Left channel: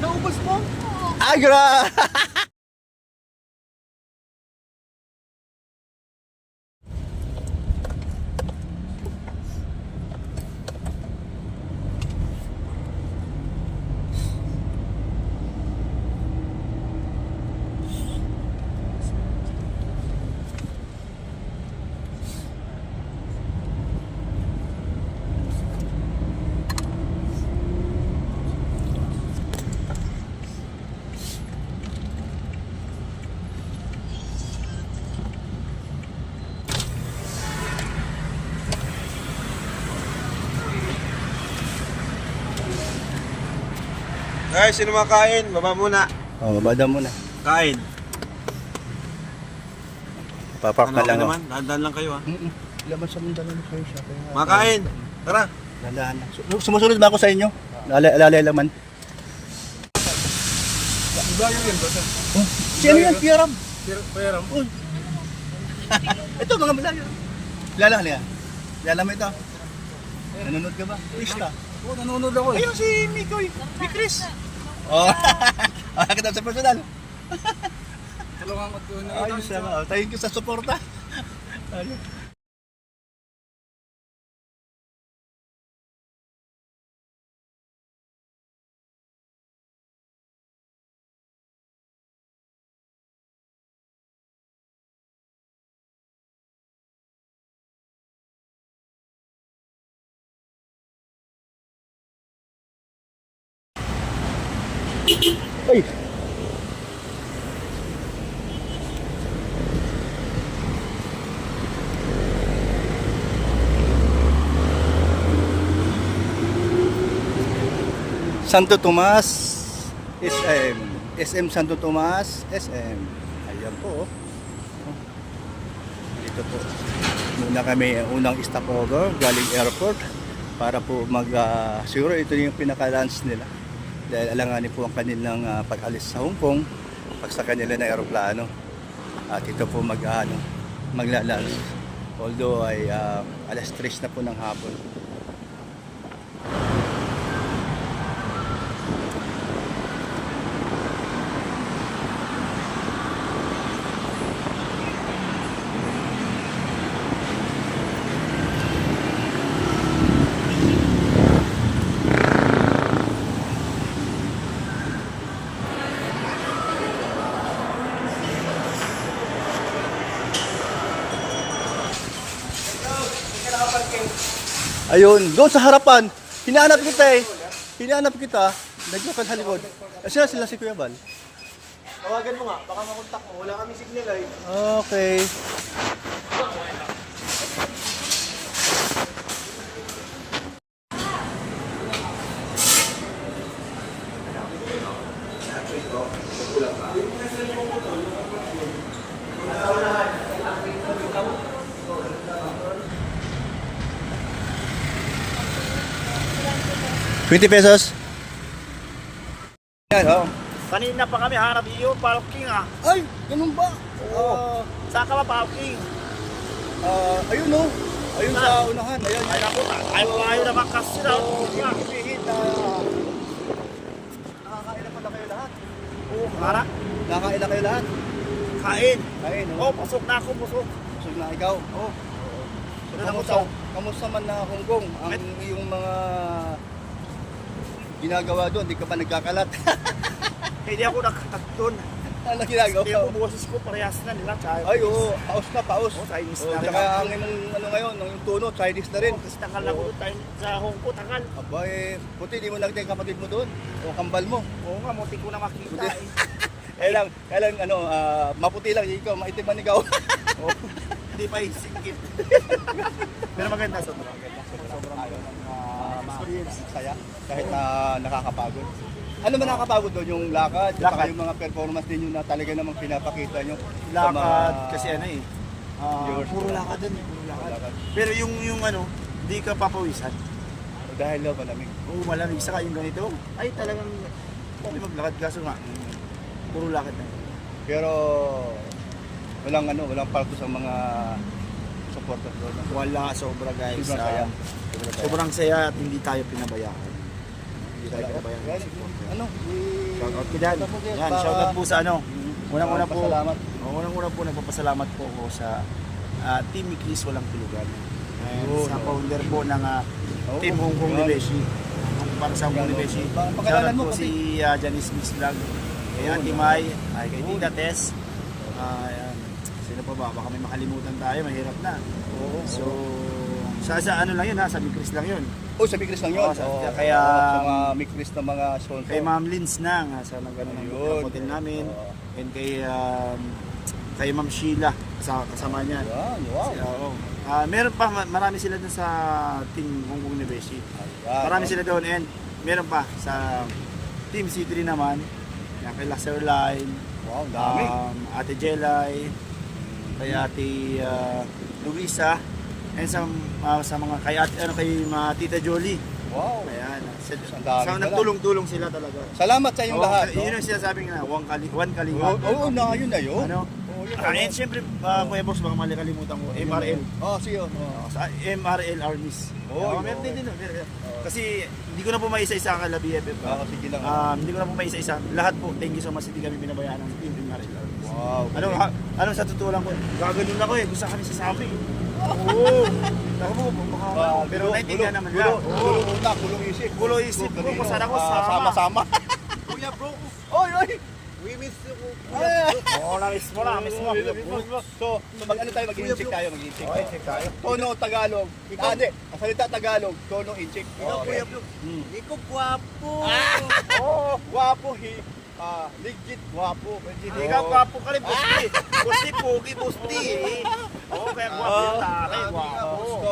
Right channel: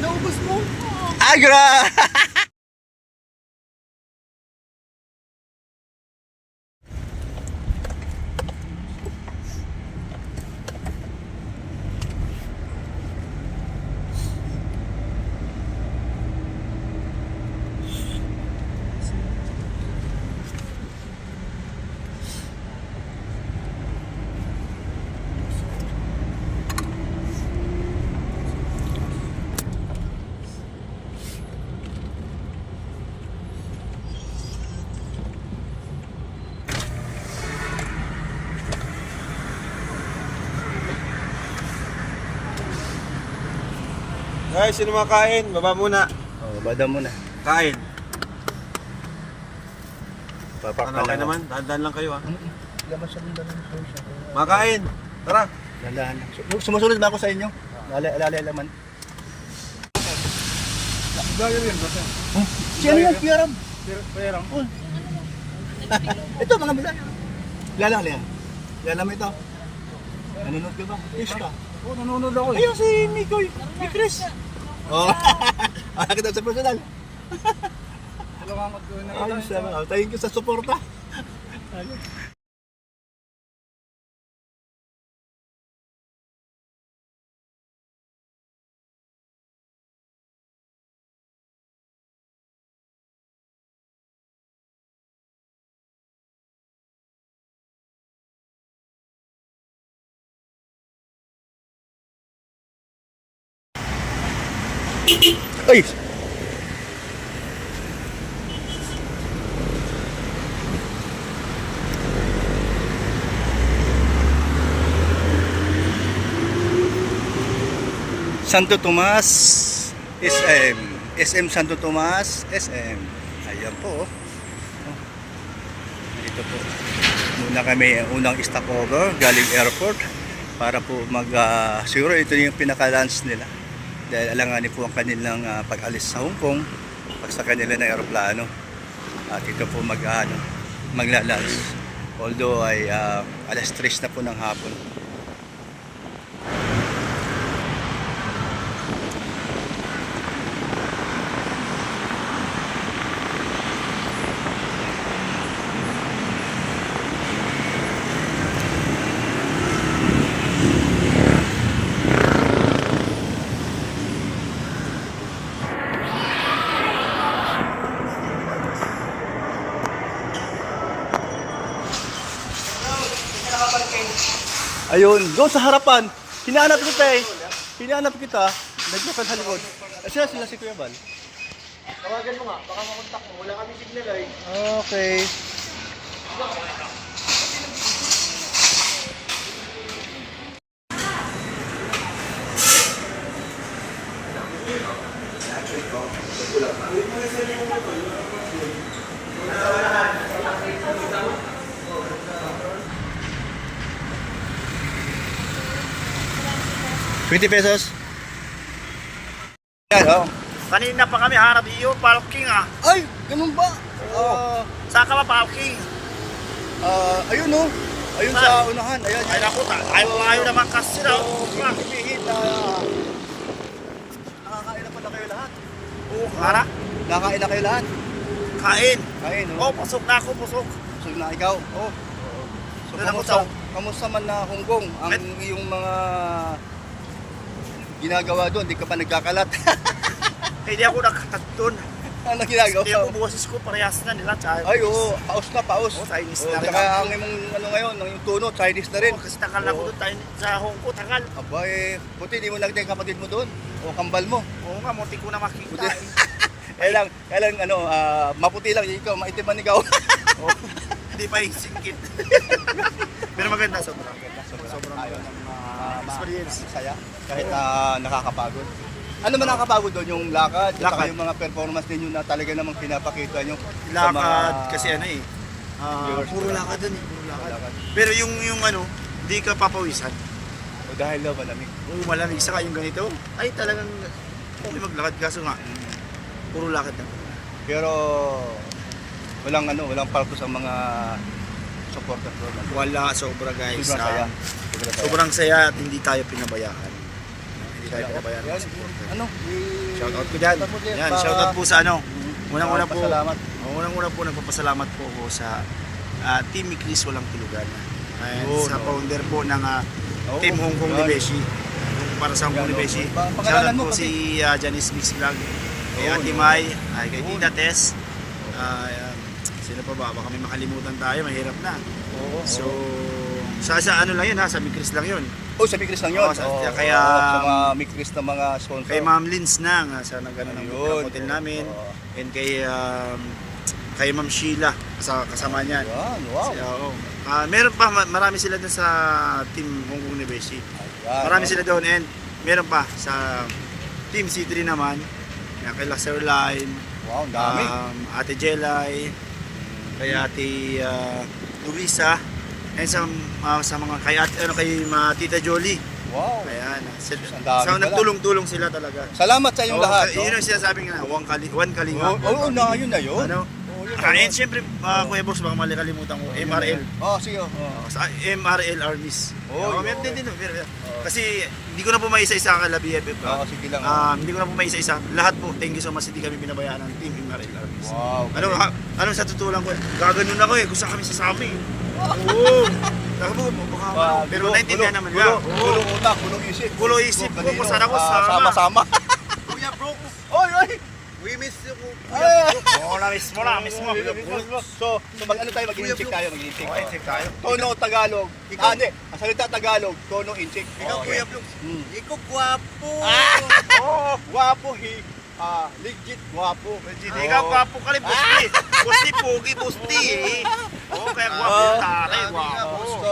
Naubos mo? Agra! Guys, sino makain? Baba muna. Oh, babada muna. Kain. Papak Ano ka kayo lang. naman? Dahan-dahan lang kayo ha. Laban sa mga dalang sa'yo siya. Makain. Tara. Dandahan lang. Sumusunod ba ako sa inyo? Alalay laman. Gaya yun, basta. Oh, si ano yan? Piaram. Pairam. Oh. Ito, mga malala. Lala. Lala mo ito. Nanonood ka ba? Pista. Oo, nanonood ako eh. Ayun si Mikoy. Si Chris. Oh. Kita sa personal. Salamat ko na. Ayos naman. Thank you sa suporta. Ay! Santo Tomas SM. SM Santo Tomas SM. Ayan po. Oh. Dito po. Muna kami unang stopover galing airport para po siguro ito yung pinaka-lunch nila. Dahil alanganin po ang kanilang pag-alis sa Hong Kong pag sa kanila na aeroplano. At ito po magla-lunch. Although ay alas 3 na po ng hapon. Ayun, doon sa harapan. Hinahanap kita eh. Hinahanap kita. Naglakan sa likod. Sila si Kuya Bal. Tawagan mo nga, baka makontak mo. Wala kami signal ay. Okay. ₱20. Yan, oh. Kanina pa kami hanap iyo, parking ah. Ay, ganun ba? Saan ka ba parking? Ayun no. Ayun sa unahan. Ayan. Ay naku, ayaw naman kasi na. Ibig na nakakain na pala kayo lahat. Oo, hara. Nakakain na kayo lahat. Kain. Kain, no? Oh, pasok na ako, pasok. So na ikaw. Oh. So, Doon ako kamusta man na Hong Kong? Ang iyong mga ginagawa doon, di ka pa nagkakalat. Hindi ako nakakat doon. Ano ginagawa? Hindi ako boses ko, parehas na nila. Ay, oo. Paus na, paus. Oo, Chinese Oo, na rin tsaka ako. ang imong ano ngayon, yung tono, Chinese na rin. Oh, kasi tagal na ako doon sa Hong Kong, tagal. Aba eh, puti, di mo nakita yung kapatid mo doon. O kambal mo. Oo nga, munti ko na makita. Puti. Kailang ano, maputi lang, ikaw, maitim man ikaw. Oh, hindi pa isingkit. Pero maganda, sobrang maganda. Sobrang maganda. Experience. Saya, kahit nakakapagod. Ano man nakakapagod doon? Yung lakad, saka yung mga performance ninyo na talaga namang pinapakita nyo. sa mga Lakad, kasi ano eh. viewers Puro nila. lakad doon eh, puro lakad. Lakad. Pero yung ano, hindi ka papawisan. O dahil daw malamig. Oo, malamig. Saka yung ganito, ay talagang okay maglakad. Kaso nga, puro lakad na. Pero walang parko sa mga supporter doon? Wala, sobra guys. Sobrang saya. Sobrang saya at hindi tayo pinabayaan. Hindi tayo pinabayaan ng supporter. Ano? Shoutout ko dyan. Yan, shoutout po sa ano. Unang-una po. Salamat. Unang-una po, nagpapasalamat po ako sa Team Miklis Walang Tulugan. Ayan, Yun, sa oh. founder po ng Team Hong Kong ni Beshi. Para sa Hong Kong ni Beshi. Pangalanan Shoutout mo po si Janice Mix Vlog. Kay Ate Mai, kay Tita Tess. Ayan. Sino pa ba? Baka may makalimutan tayo, mahirap na. So, sa ano lang yun ha, sa Miklis lang yun. Oh, sa Mikris lang yun. Oo, kaya sa mga Mikris na mga sponsor. kay Ma'am Lins Nang, sa nagano ng Ayun. hotel namin. Oo. And kay Ma'am Sheila, kasama niyan. Yan, wow. Oo. Meron pa, marami sila dun sa Team Hong Kong ni Beshi. Ayan, Marami no? sila doon and meron pa sa Team C3 naman. Yan, kay Laser Line, Wow, dami. Ate Jelay, kay Ate Luisa, and sa mga kay Tita Jolie. Wow. Ayan. Ang dami So pala. nagtulong-tulong sila talaga. Salamat sa inyong lahat. no? Yun ang sinasabi nga, one kalinga. Oo, yun na yun. Ano? And syempre, Kuya Brooks, baka kalimutan ko, MRL. Oh, sige. Sa MRL Armies. Oh, Meron din. Kasi hindi ko na po maisa-isa ang BFF. Sige lang. Hindi ko na po maisa-isa. Lahat po, thank you so much, hindi kami pinabayaan ng Team MRL Armies. Wow. Ano sa totoo lang ko, gaganon ako eh, kung saan kami sasama eh. Oo. Saka po, baka pero naintindihan naman nila. Gulong utak, gulong isip. Gulo isip ko kung saan ako sama. Sama-sama. Kuya bro, Oy, oy. we miss you. Oo, na-miss mo. So mag-ano tayo, mag-incheck tayo, mag-incheck. Oo, incheck tayo. Tono Tagalog. Hindi, ang salita Tagalog, tono incheck. Ikaw Kuya bro, ikaw gwapo. Oh, guwapo legit guwapo. Hindi ka gwapo ka rin, Busti. Busti, pogi, Busti eh. Oo, kaya gwapo yung tari, gwapo. So,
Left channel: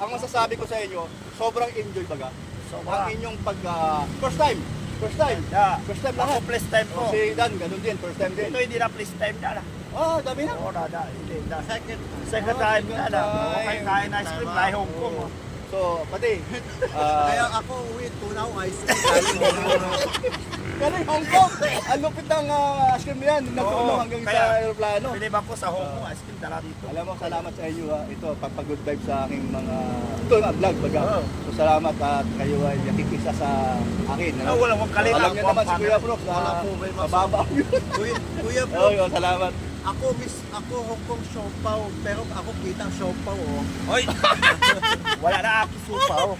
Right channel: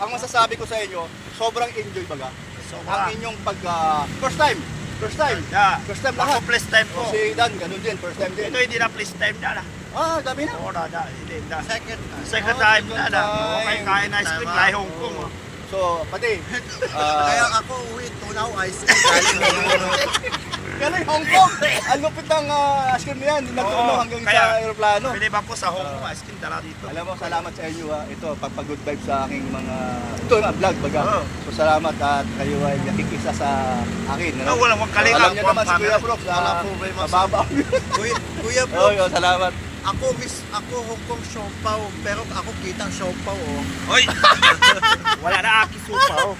ang masasabi ko sa inyo, sobrang enjoy baga. Ang inyong first time. Yeah. First time Ako, lahat. plus time po. Si Dan, ganun din, first time din. Ito hindi na plus time na lang. Dami na. Oo, hindi na. Second Second time na lang. Oo, kayo kain ice cream, lahi Hong Kong. oh. So, pati, Kaya ako uwi, tunaw ice cream. Galing galing Hong Kong. Ang lupit ng ice cream na yan, nagtuno hanggang sa Kaya- aeroplano. Pinibang ko sa Hong Kong, ice cream dala dito. Alam mo, salamat sa inyo ito, pagpag-good vibe sa aking mga, ito yung vlog baga. Oo. So, salamat at kayo ay nakikisa sa akin. No, walang kalinga. Alam niyo naman si Kuya Brooks, Wala po ba yung mababa. Kuya bro, Oo, yun, salamat. ako Hong Kong siopaw, pero ako kitang siopaw oh. Oy! Wala na aki supa, oh.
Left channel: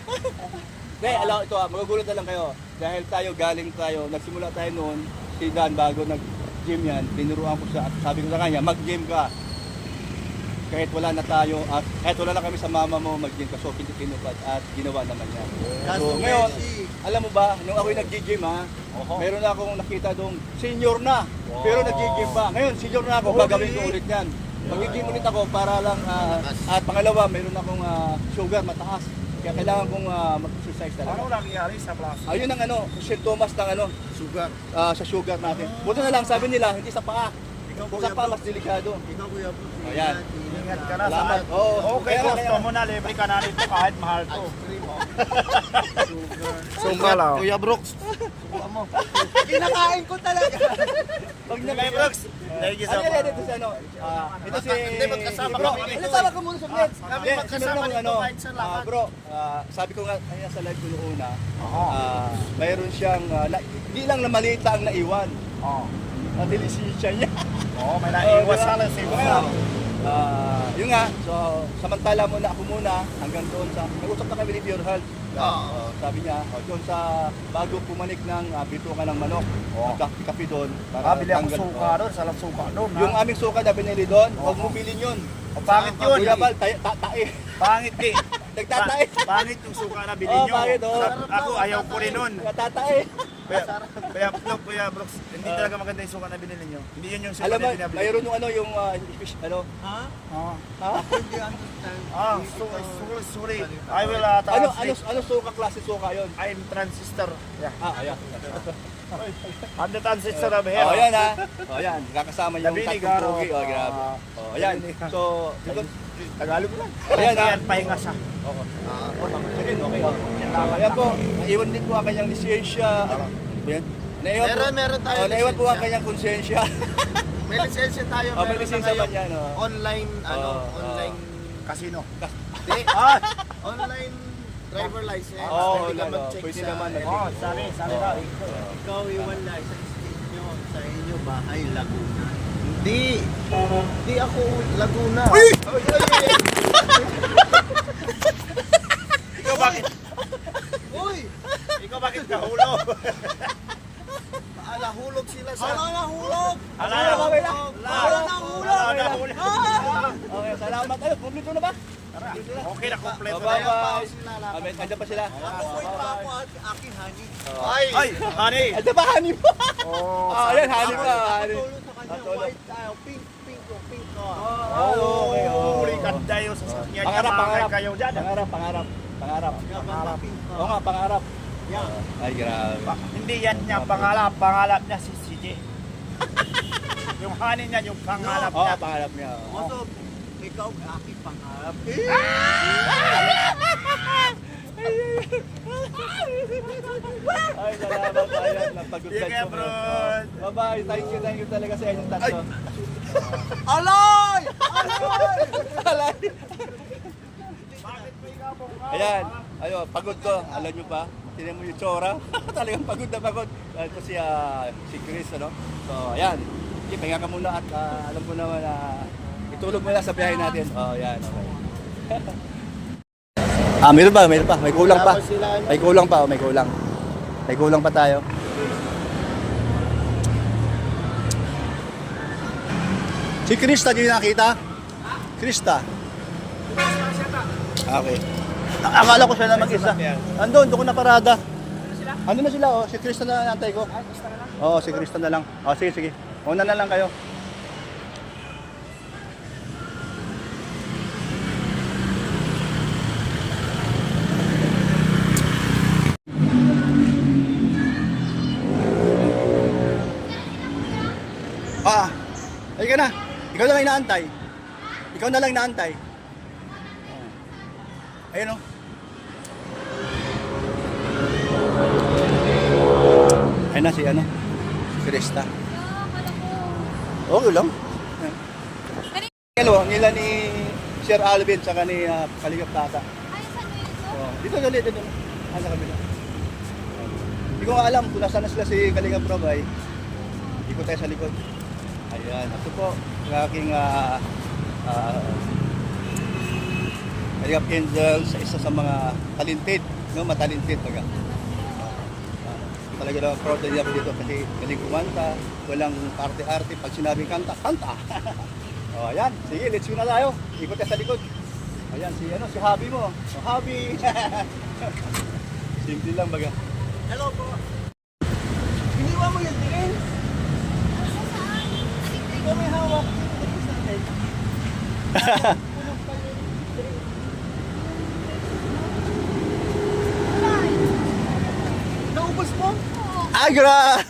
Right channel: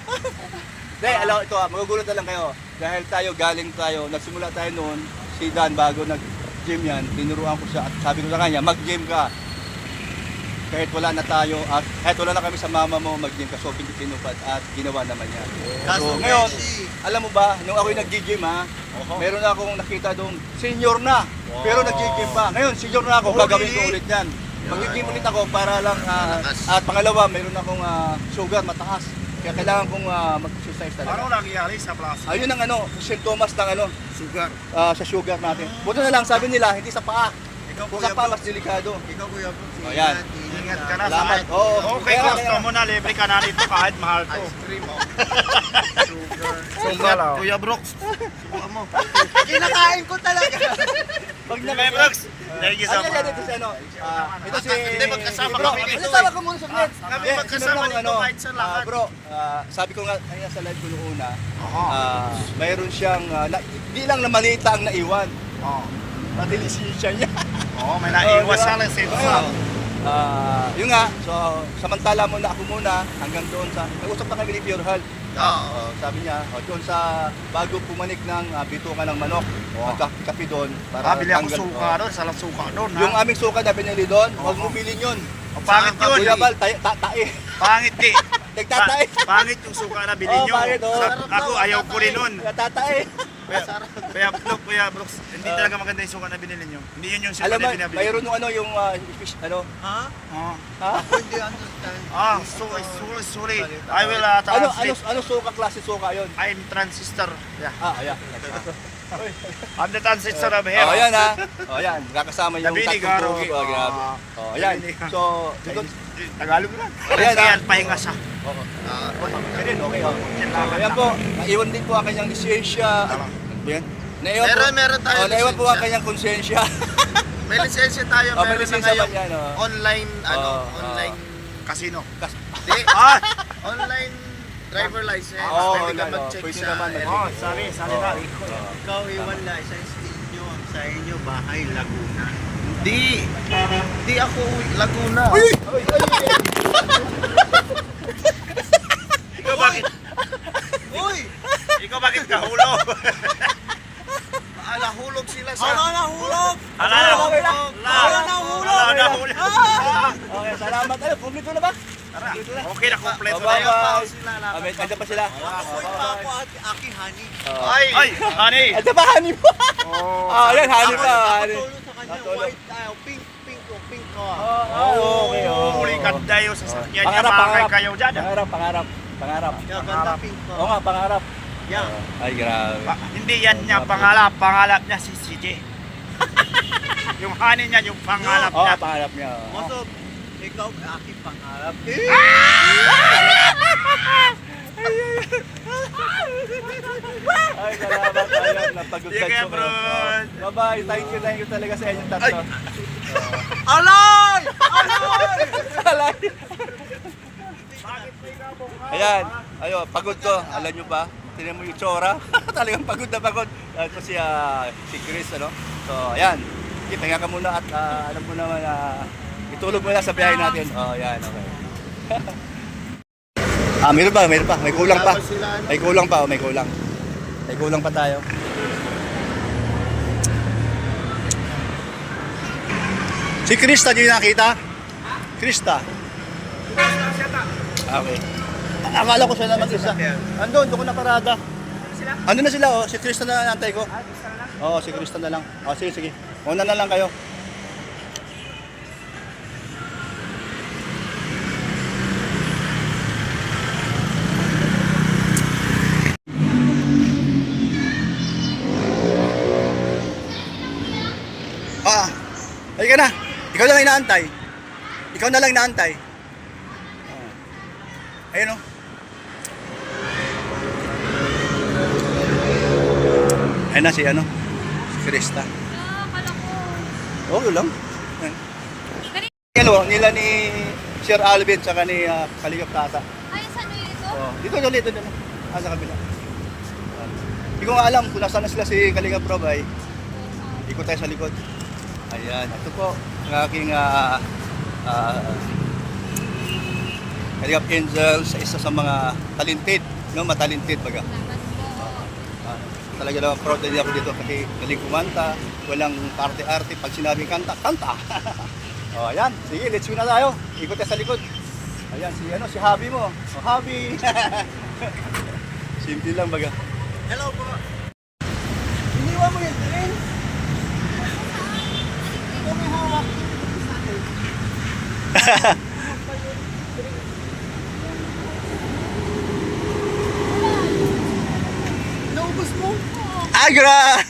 Hindi, alam ito, magugulat na lang kayo. Dahil galing tayo, nagsimula tayo noon, si Dan bago nag-gym yan, tinuruan ko siya at sabi ko sa kanya, mag-gym ka. Kahit wala na tayo, at kahit wala na kami sa mama mo, mag-gym ka. So, pinupad at ginawa naman yan. Kaso ngayon, Messi, alam mo ba, nung ako'y nag-gym meron na akong nakita doon, senior na, pero nag-gym pa. Ngayon, senior na ako, Oh, gagawin ko really? ulit yan. Mag-gym ulit ako para lang, at pangalawa, meron akong sugar mataas. Kaya kailangan kong mag-exercise talaga. Ano nangyari sa plaza? Ayun ang symptoms ng sugar. sa sugar natin. Buti na lang, sabi nila, hindi sa paa. Ikaw Kung Kuya sa paa, bro, mas delikado. ikaw Kuya bro, Ayan. Ingat ka na sa Salamat. kahit. Oo. Okay, Kaya- gusto mo na, libre ka na dito kahit mahal to. Ice cream oh. Sugar. Ingat, Kuya Brooks. Subukan mo. Kinakain ko talaga. Pag Kuya Brooks, thank you so Ano much. yan, ito si ito si... Hindi, magkasama Bro, kami dito. ano tawag ka muna sa net? Kami Hindi, magkasama sinunod dito ako, kahit sa lahat. bro, sabi ko nga, kaya sa live ko noong una, Oo. mayroon siyang, hindi lang na malita ang naiwan. Oo. Pati lisensya niya. Oo, may naiwas diba? sa lisensa. Ngayon, yun nga, so samantala muna ako muna hanggang doon sa, nag-usap na kami ni Pure Health. Sabi niya, doon sa bago pumanik ng bituka ng manok, kapi doon. Bili ako tanggal- suka doon, salang suka doon. Yung aming suka na binili doon, huwag mo bilhin yun. O, pangit yun. Kuya Bal, tae. Pangit di. Nagtatae. Pangit yung suka na bilhin nyo. pangit, oh. Ako, ayaw ko rin nun. Tatae. Kuya Brooks, hindi talaga maganda yung suka na binili nyo. Hindi yun yung suka Alam mo, na binabili. mayroon yung yung fish, Ha? Oo. ha? Ako hindi understand. Sorry. I will translate. Ano suka, klase suka yun? I'm transistor. Yeah. Ayan. I'm the transistor of here. Ayan ha. Ayan, kakasama yung Nabili, tatlong Garo. pogi. Grabe. Ayan. Nabili. So, dito, Tagalog lang. Ayan, Kasi ah. yan, pahinga siya. okay. Ayan po, naiwan din po ang kanyang lisensya. Yan. Naiwan po, Meron tayo naiwan po ang lisensya. kanyang konsensya. May lisensya tayo, May meron na lisensya ngayong ba yan, online, Oo. online Casino. Di, Ah! Online driver license. Oo, Pwede ka ano, mag-check pwede sa... naman. Oh, sabi na. ikaw iwan license ninyo. Sa inyo, bahay, Laguna. Di ako Laguna. Ikaw bakit? Uy! Ikaw bakit kahulog? Nahulog sila sa... nahulog? Nahulog. Okay, salamat. Ano, kompleto na ba? Tara. Okay na, kompleto na Bye-bye. yan. Nandiyan pa sila. Ako at Aki Hani. Ay, honey. Nandiyan pa, honey mo. Oh, Ayan, honey Ako, pa. ako honey. tulong sa kanya, white, pink ko. Okay, oh. Huli ganda yung sasakyan niya. Pangarap, Bakay pangarap. kayo dyan. Pangarap. Yeah, ganda pink ko. Oo nga, pangarap. Yeah. Ay, grabe. Hindi yan niya pangalap niya si CJ. Yung honey niya, yung pangalap Oo, niya. pangarap niya. Moto, ikaw aking pangarap. Ay, salamat. Ayun, napagod Sige, ka, bro. Bye-bye. Thank you talaga sa inyong tatlo. Alay! Ayan, pagod ko. Alam nyo ba? Tingnan mo yung tsura. Talagang pagod na pagod. Ito si Chris, ano? So, ayan. Pahinga ka muna at alam mo naman itulog mo na sa biyahe natin. Oh, ayan. Okay. Meron pa. May kulang pa. May kulang pa tayo. Si Krista, di nakita? Krista? Okay. Akala ko siya na mag-isa. Andun, doon ko na parada. Ano na sila, oh? Si Krista na nantay ko. Oo, si Krista na lang. Oh, sige. Una na lang kayo. Halika na. Ikaw na lang inaantay. Ayun o. Ayun na si Krista. Okay lang. Ayan. Nila ni Sir Alvin sa ni Kaligap Tasa. Ay, saan mo yun ito? Dito ulit. Sa kabila. Hindi ko nga alam kung nasaan na sila si Kaligap Rob ay ikot tayo sa likod. Ayan. Ito po ang aking Kaligap Angel sa isa sa mga talented, matalented baga. Talaga naman proud din ako dito kasi galing kumanta, walang arte-arte, pag sinabing kanta. Oh, ayan, sige, let's go na tayo. Ikot tayo sa likod. Ayan, si Habi mo. Oh, Habi. Simple lang baga. Hello po. Iniwan mo yung train. Ikaw may hawak. Sa akin. Naubos mo? Agra!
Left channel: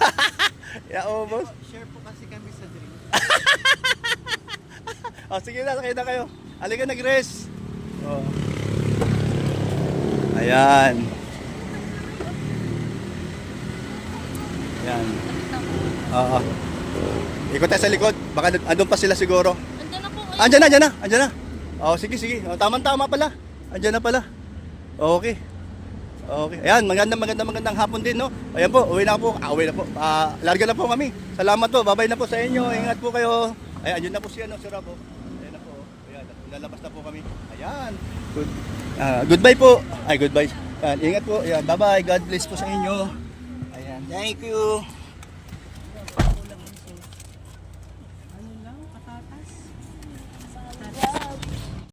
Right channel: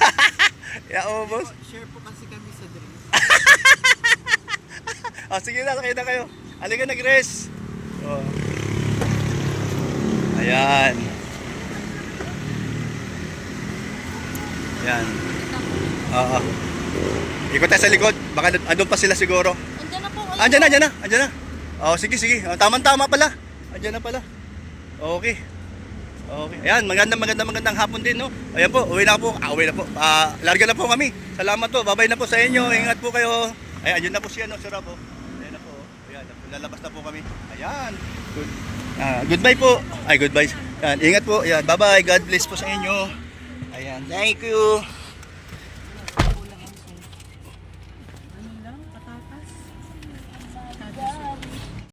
Ubos. Share po kasi kami sa drink. Oh, sige na, sakay na kayo. Halika na, Grace. Oh. Ayan. Ayan. Oo. Ikot tayo sa likod. Baka andun pa sila siguro. Andiyan na po. Andyan na. Oh, sige. Oh, tama pala. Andyan na pala. Okay. Ayan, magandang hapon din, no? Ayan po, uwi na po. Larga na po kami. Salamat po. Bye-bye na po sa inyo. Ingat po kayo. Ayan, andyan na po siya, no? Si Rob, oh. Ayan na po. Ayan, lalabas na po kami. Ayan. Goodbye po. Goodbye. Ayan, ingat po. Ayan, bye-bye. God bless po sa inyo. Ayan, thank you.